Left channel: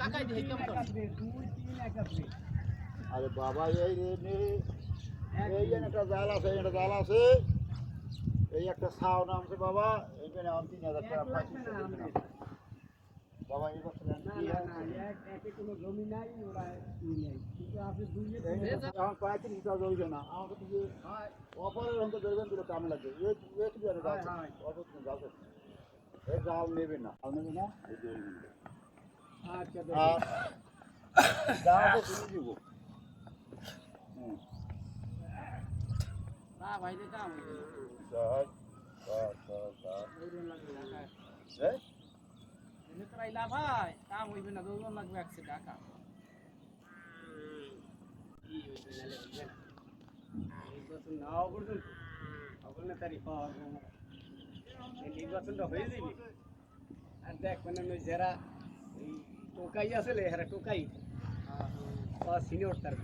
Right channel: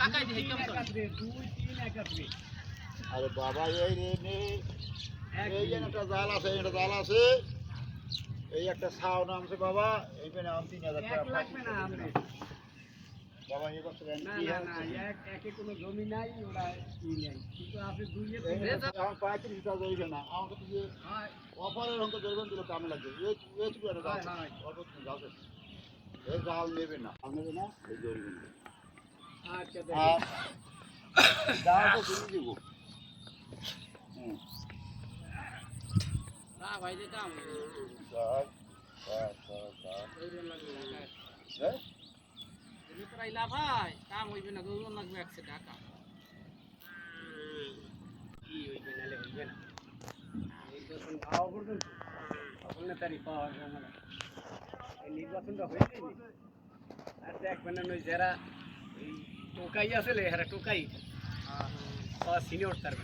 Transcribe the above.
কাকাই দিয়ে কেমন আরে বাবা এই রে এই যে একটা জাল আছে এটা জাল আছে এই একটা ছাও নামছে বাবা এইখানে আমি 3000 টাকা লাগবে না আমনে বাবা এই বছর না না না একে কোনো জমি নাই ওরা ই নাই কিন্তু আপনি দুইয়ে আমার 35 টাকা হইছে না আমাকে তো যে অফারের অঙ্ক ধরবেন দিলে কাম লাগবে এই তো একটা জাল অল্প জাল আছে এই জাল নেবে না এই ধরবেন আচ্ছা আর জালটা কিনে দিব না ভাই যে কাম জাল এই প্রাইলা ভাই কাম হইবে না দৌড় লাগবে 100 টাকা কি হইবে নালে হইবে না নির্বাচন নাও পর্যন্ত আপনার তারিখ পাওয়া যায় না এই নির্বাচনটা হয়ে যাবে আর দেখবেন না ওই যারা টোকাই আছে এরা টোকাই সিনিয়র তার